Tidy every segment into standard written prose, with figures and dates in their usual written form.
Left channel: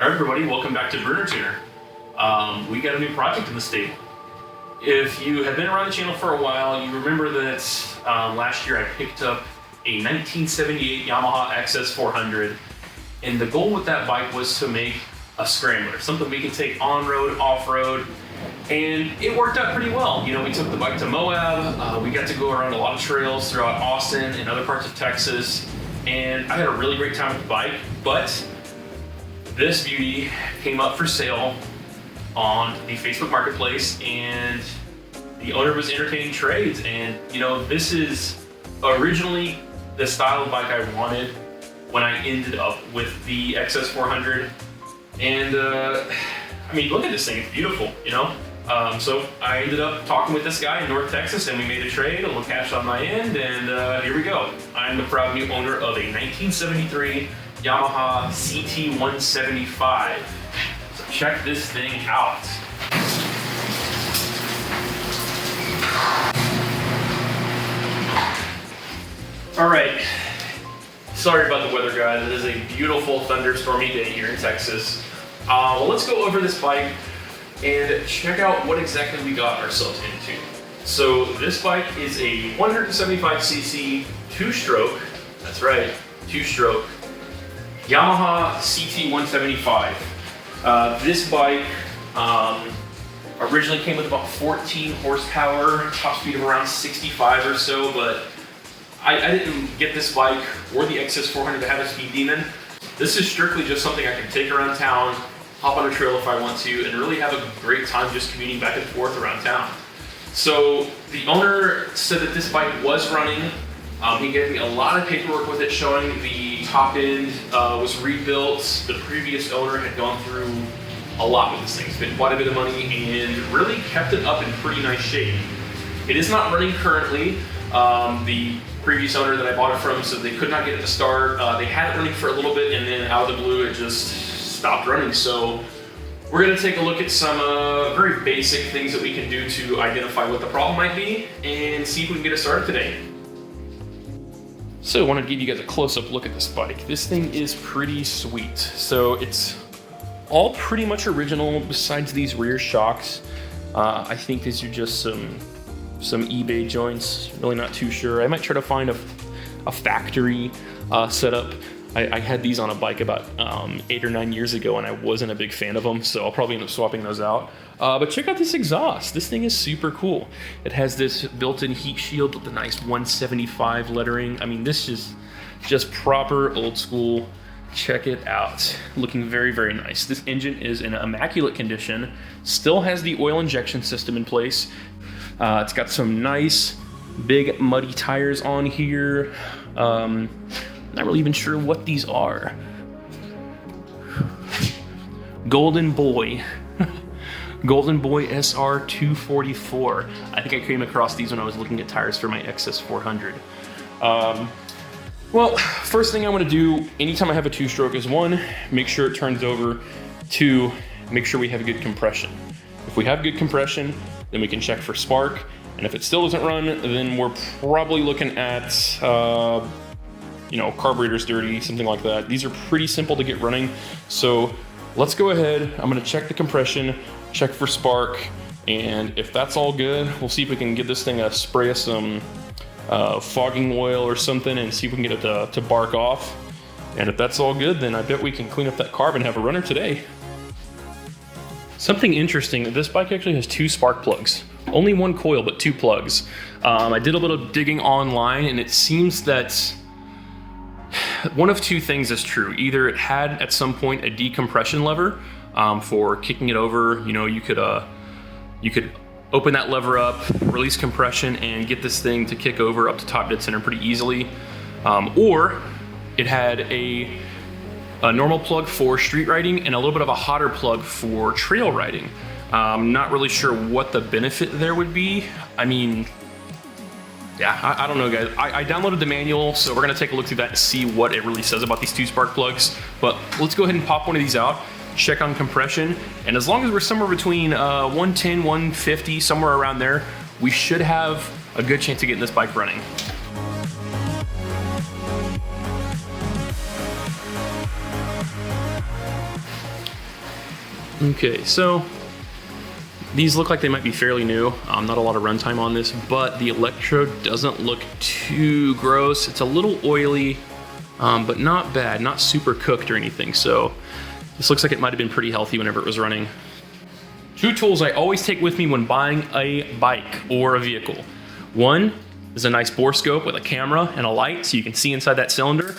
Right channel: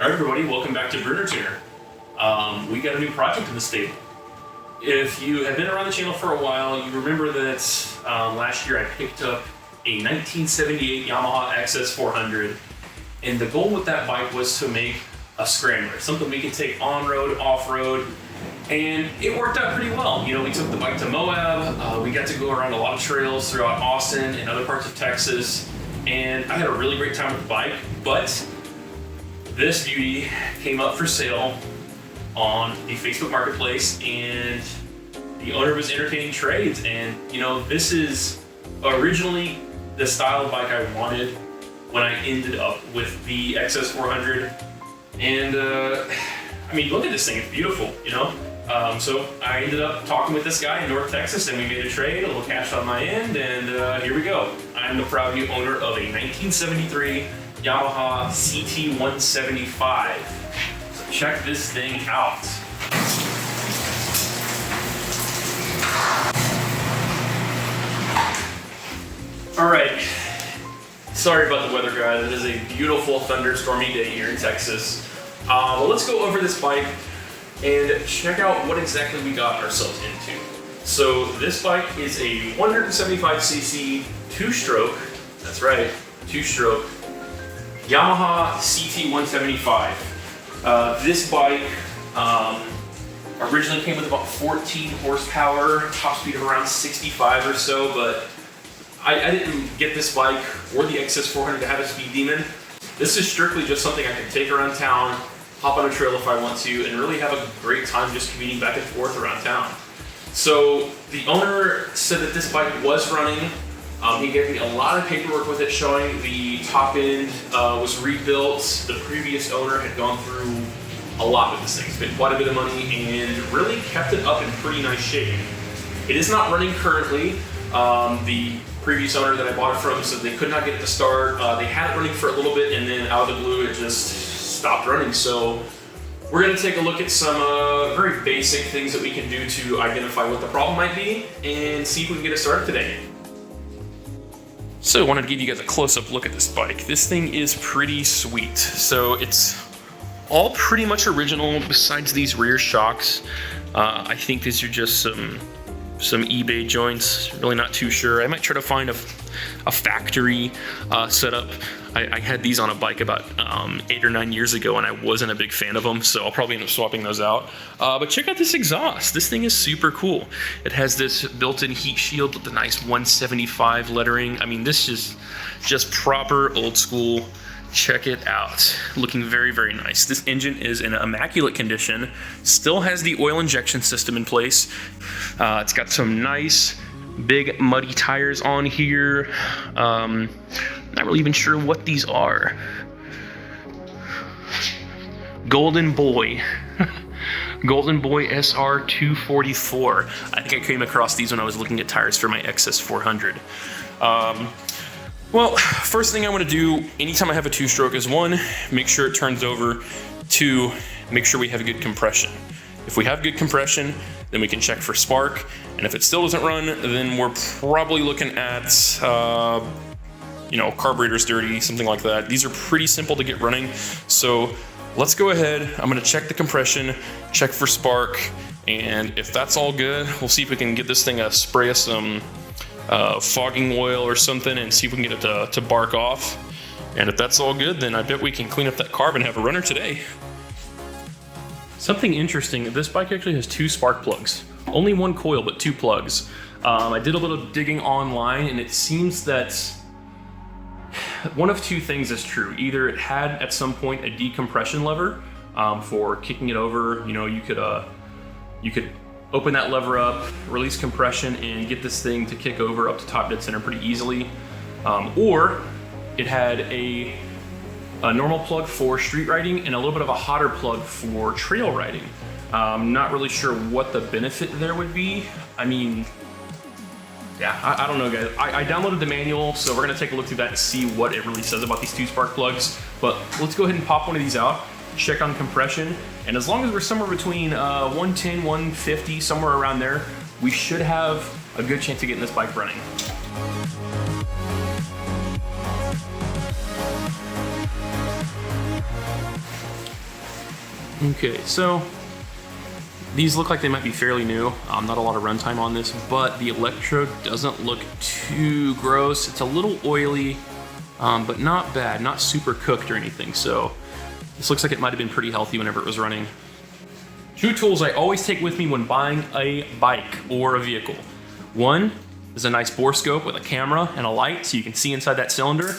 Alright everybody, welcome back to Bruner Tuner. We got a new project in the stable. If you have been around the channel for a while, you remember that last year I picked up a 1978 Yamaha XS400, and the goal with that bike was to make a scrambler, something we can take on-road, off-road, and it worked out pretty well. You know, we took the bike to Moab, we got to go around a lot of trails throughout Austin and other parts of Texas, and I had a really great time with the bike, but this beauty came up for sale on the Facebook Marketplace, and the owner was entertaining trades. And you know, this is originally the style of bike I wanted when I ended up with the XS400. And I mean, look at this thing, it's beautiful, you know? So I ended up talking with this guy in North Texas, and we made a trade, a little cash on my end, and here we go. I'm the proud new owner of a 1973 Yamaha CT175. So check this thing out. All right, sorry about the weather, guys. It is a beautiful thunderstormy day here in Texas. Well, let's go over this bike and check out what exactly we got ourselves into. So this bike is a 175cc two-stroke, that's right, two-stroke, Yamaha CT175. This bike originally came with about 14 horsepower, top speed of around 65 or so, but I didn't get this bike or the XS400 to have a speed demon. This is strictly just something I can take around town, hop on a trail if I want to, and really have a great time just commuting back and forth around town. So the owner said that this bike was running. He gave me a lot of paperwork with it showing the top end was rebuilt. The previous owner had gone through a lot with this thing, spent quite a bit of money, and really kept it up in pretty nice shape. It is not running currently. The previous owner that I bought it from said they could not get it to start. They had it running for a little bit, and then out of the blue it just stopped running. So we're going to take a look at some very basic things that we can do to identify what the problem might be and see if we can get it started today. So I wanted to give you guys a close-up look at this bike. This thing is pretty sweet. So it's all pretty much original besides these rear shocks. I think these are just some eBay joints, really not too sure. I might try to find a factory setup. I had these on a bike about 8 or 9 years ago, and I wasn't a big fan of them, so I'll probably end up swapping those out. But check out this exhaust. This thing is super cool. It has this built-in heat shield with the nice 175 lettering. I mean, this is just proper old school. Check it out. Looking very, very nice. This engine is in immaculate condition. Still has the oil injection system in place. It's got some nice big muddy tires on here. Not really even sure what these are. Golden Boy. Golden Boy SR 244. I think I came across these when I was looking at tires for my XS400. Well, first thing I want to do anytime I have a two-stroke is 1, make sure it turns over. 2, make sure we have good compression. If we have good compression, then we can check for spark. And if it still doesn't run, then we're probably looking at, you know, carburetor's dirty, something like that. These are pretty simple to get running. So let's go ahead. I'm going to check the compression, check for spark. And if that's all good, we'll see if we can get this thing a spray of some fogging oil or something and see if we can get it to bark off. And if that's all good, then I bet we can clean up that carb and have a runner today. Something interesting, this bike actually has 2 spark plugs. Only 1 coil, but 2 plugs. I did a little digging online, and it seems that one of 2 things is true. Either it had at some point a decompression lever for kicking it over. You know, you could open that lever up, release compression, and get this thing to kick over up to top dead center pretty easily. Or it had a normal plug for street riding and a little bit of a hotter plug for trail riding. I'm not really sure what the benefit there would be. I mean, yeah, I don't know, guys. I downloaded the manual, so we're gonna take a look through that and see what it really says about these 2 spark plugs. But let's go ahead and pop one of these out, check on compression, and as long as we're somewhere between 110, 150, somewhere around there, we should have a good chance of getting this bike running. Okay, so these look like they might be fairly new. Not a lot of runtime on this, but the electrode doesn't look too gross. It's a little oily, but not bad, not super cooked or anything. So this looks like it might have been pretty healthy whenever it was running. Two tools I always take with me when buying a bike or a vehicle. One is a nice bore scope with a camera and a light so you can see inside that cylinder.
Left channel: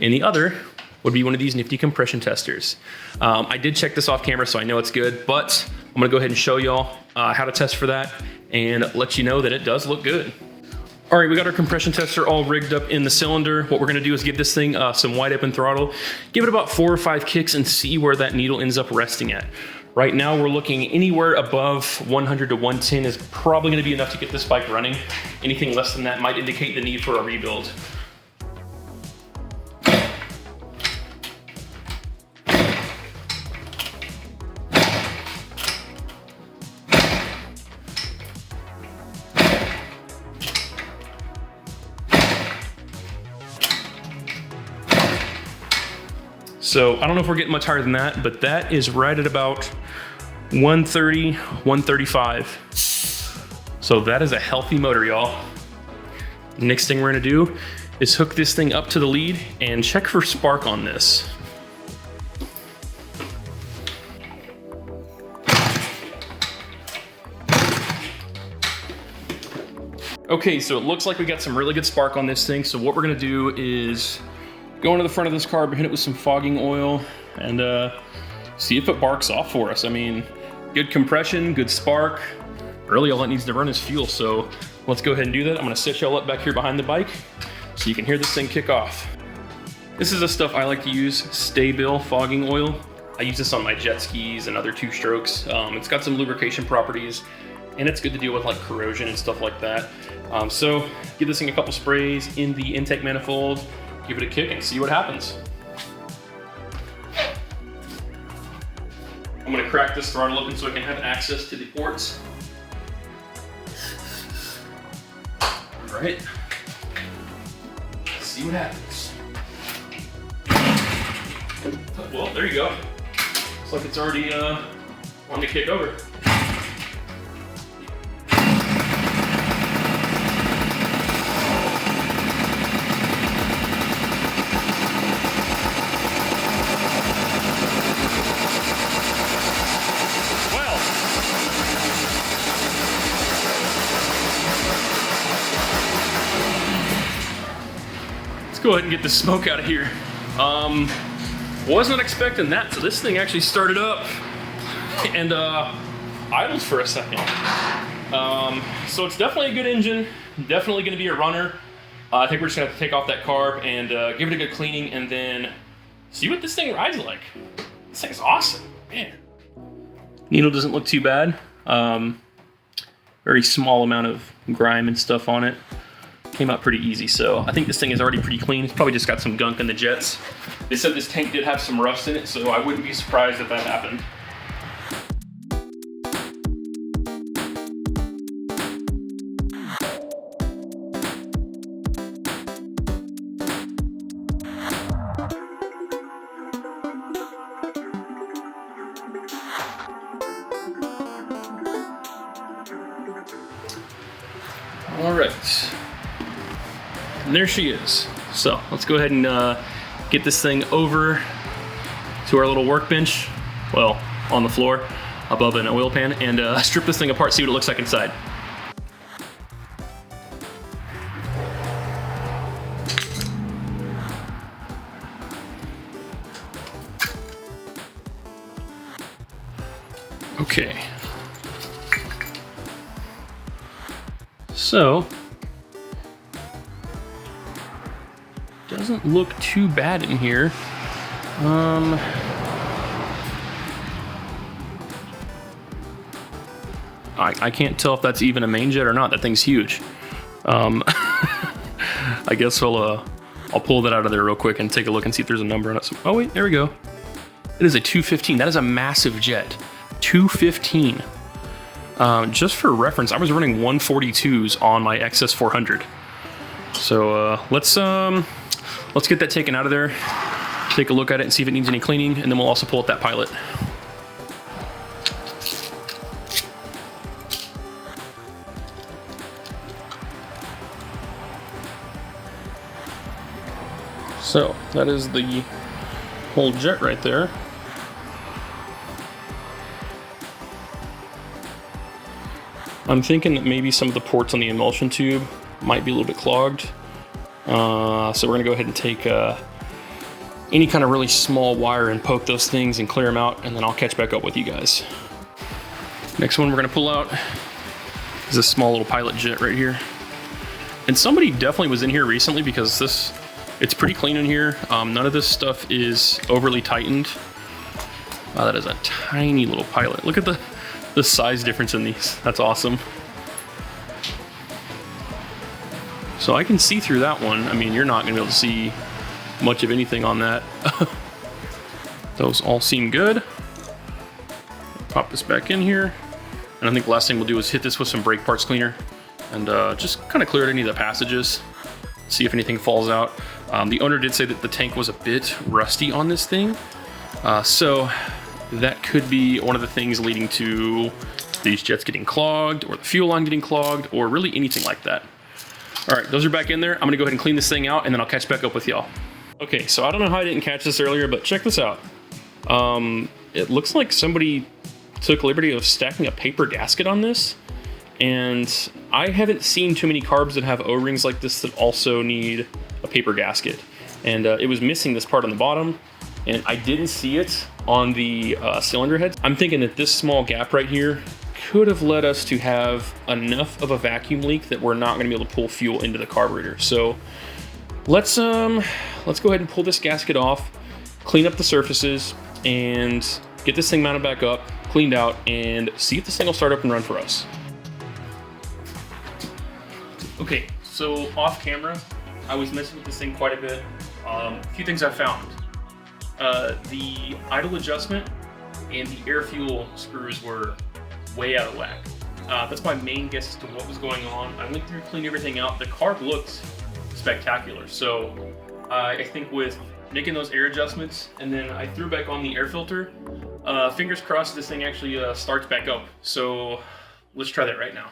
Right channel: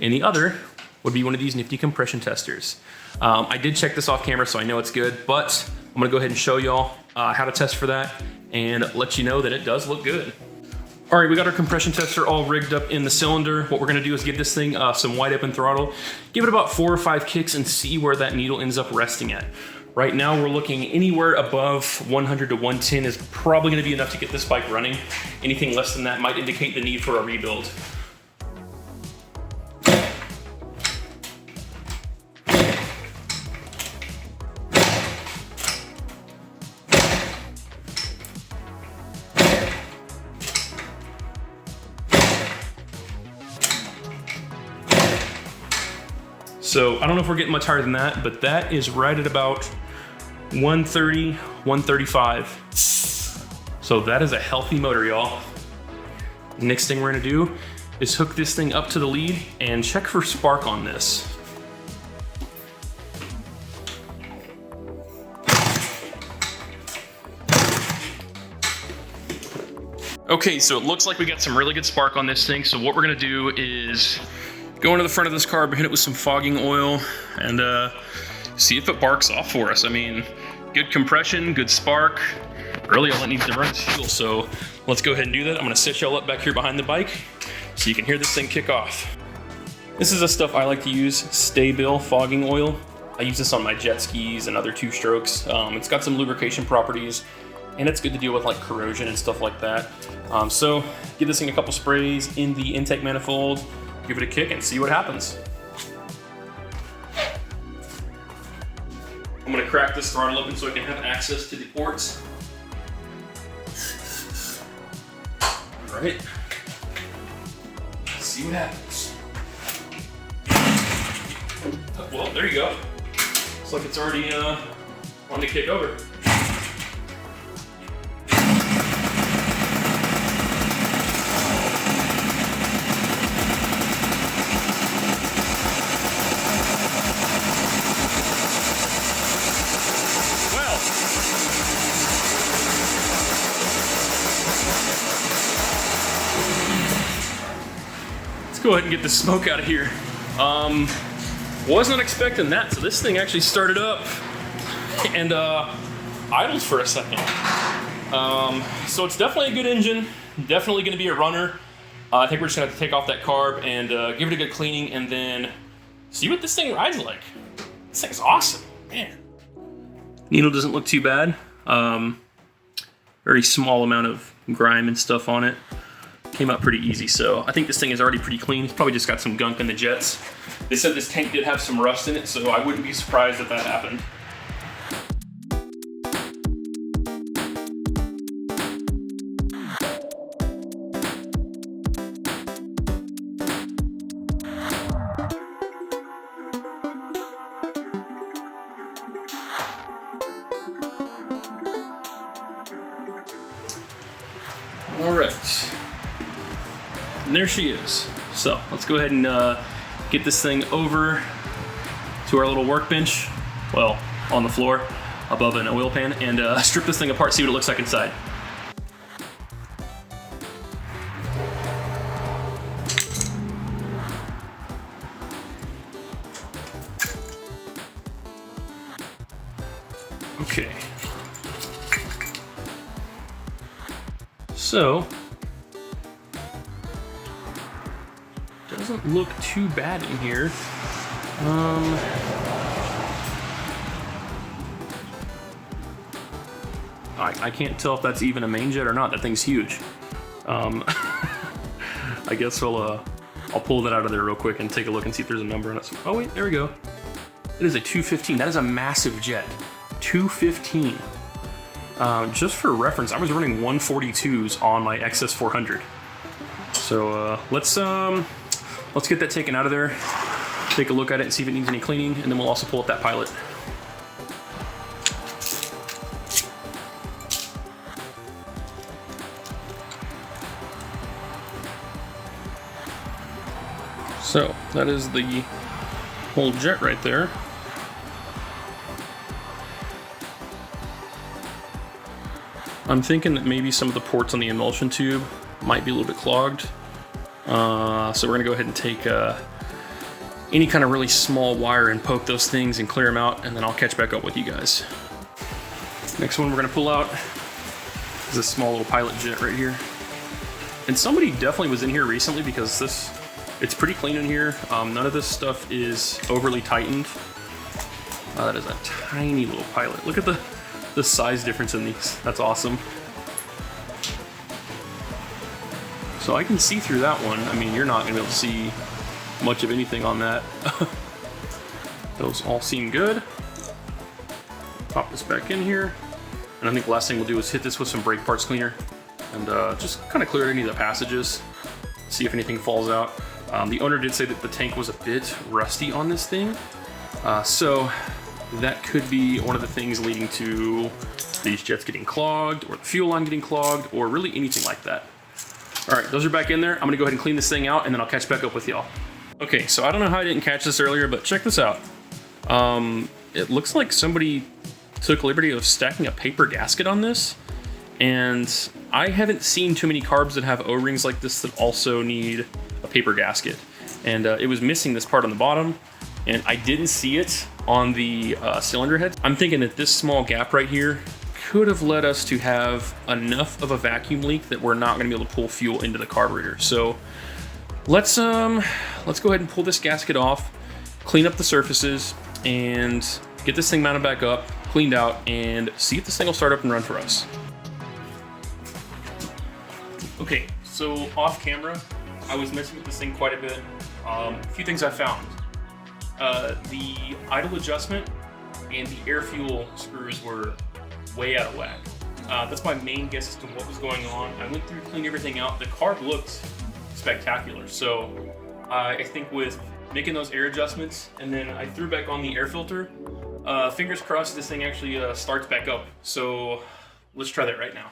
And the other would be one of these nifty compression testers. I did check this off camera, so I know it's good, but I'm gonna go ahead and show y'all how to test for that and let you know that it does look good. All right, we got our compression tester all rigged up in the cylinder. What we're gonna do is give this thing some wide open throttle, give it about 4 or 5 kicks and see where that needle ends up resting at. Right now we're looking anywhere above 100 to 110 is probably gonna be enough to get this bike running. Anything less than that might indicate the need for a rebuild. So I don't know if we're getting much higher than that, but that is right at about 130, 135. So that is a healthy motor, y'all. Next thing we're gonna do is hook this thing up to the lead and check for spark on this. Okay, so it looks like we got some really good spark on this thing. So what we're gonna do is go into the front of this carb, hit it with some fogging oil, and see if it barks off for us. I mean, good compression, good spark. Really all it needs to run is fuel, so let's go ahead and do that. I'm gonna set y'all up back here behind the bike so you can hear this thing kick off. This is the stuff I like to use, Sta-Bil fogging oil. I use this on my jet skis and other two-strokes. It's got some lubrication properties, and it's good to deal with like corrosion and stuff like that. So give this thing a couple sprays in the intake manifold, give it a kick and see what happens. I'm gonna crack this throttle open so I can have access to the ports. All right, let's see what happens. Well, there you go. Looks like it's already wanting to kick over. Go ahead and get the smoke out of here. Wasn't expecting that, so this thing actually started up and idled for a second. So it's definitely a good engine, definitely gonna be a runner. I think we're just gonna have to take off that carb and give it a good cleaning and then see what this thing rides like. This thing's awesome, man. Needle doesn't look too bad. Very small amount of grime and stuff on it. Came out pretty easy, so I think this thing is already pretty clean. It's probably just got some gunk in the jets. They said this tank did have some rust in it, so I wouldn't be surprised if that happened. All right. And there she is. So let's go ahead and get this thing over to our little workbench, well, on the floor above an oil pan, and strip this thing apart, see what it looks like inside. Okay. So, doesn't look too bad in here. I can't tell if that's even a main jet or not. That thing's huge. I guess I'll pull that out of there real quick and take a look and see if there's a number on it. Oh wait, there we go. It is a 215. That is a massive jet. 215. Just for reference, I was running 142s on my XS400. So let's get that taken out of there, take a look at it and see if it needs any cleaning, and then we'll also pull up that pilot. So that is the whole jet right there. I'm thinking that maybe some of the ports on the emulsion tube might be a little bit clogged. So we're gonna go ahead and take any kind of really small wire and poke those things and clear them out, and then I'll catch back up with you guys. Next one we're gonna pull out is this small little pilot jet right here. And somebody definitely was in here recently because it's pretty clean in here. None of this stuff is overly tightened. That is a tiny little pilot. Look at the size difference in these. That's awesome. So I can see through that one. I mean, you're not gonna be able to see much of anything on that. Those all seem good. Pop this back in here. And I think the last thing we'll do is hit this with some brake parts cleaner and just kind of clear any of the passages, see if anything falls out. The owner did say that the tank was a bit rusty on this thing. So that could be one of the things leading to these jets getting clogged, or the fuel line getting clogged, or really anything like that. All right, those are back in there. I'm gonna go ahead and clean this thing out, and then I'll catch back up with y'all. Okay, so I don't know how I didn't catch this earlier, but check this out. It looks like somebody took liberty of stacking a paper gasket on this, and I haven't seen too many carbs that have O-rings like this that also need a paper gasket. And it was missing this part on the bottom, and I didn't see it on the cylinder heads. I'm thinking that this small gap right here could have led us to have enough of a vacuum leak that we're not gonna be able to pull fuel into the carburetor. So let's go ahead and pull this gasket off, clean up the surfaces, and get this thing mounted back up, cleaned out, and see if this thing will start up and run for us. Okay, so off camera, I was messing with this thing quite a bit. A few things I found. The idle adjustment and the air fuel screws were way out of whack. That's my main guess as to what was going on. I went through, cleaned everything out. The carb looked spectacular. So I think with making those air adjustments, and then I threw back on the air filter, fingers crossed this thing actually starts back up. So let's try that right now.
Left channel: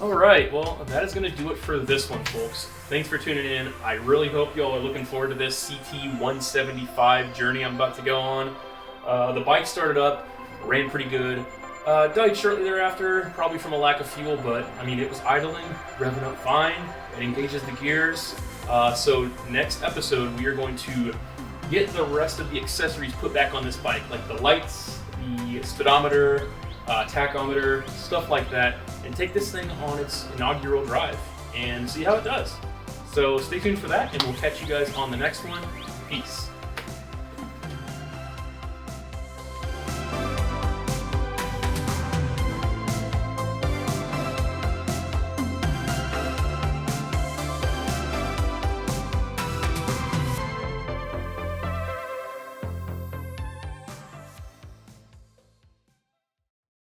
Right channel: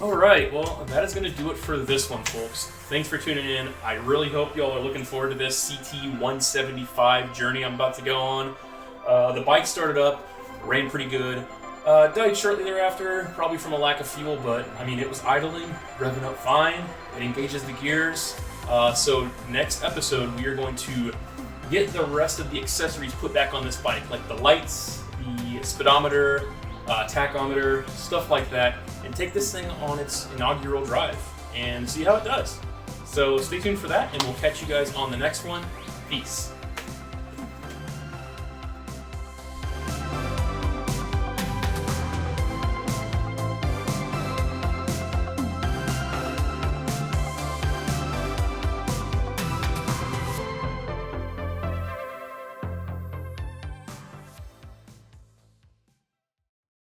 Alright, well, that is going to do it for this one, folks. Thanks for tuning in. I really hope y'all are looking forward to this CT175 journey I'm about to go on. The bike started up, ran pretty good. Died shortly thereafter, probably from a lack of fuel, but I mean, it was idling, revving up fine. It engages the gears. So next episode, we are going to get the rest of the accessories put back on this bike, like the lights, the speedometer, tachometer, stuff like that, and take this thing on its inaugural drive and see how it does. So stay tuned for that, and we'll catch you guys on the next one. Peace.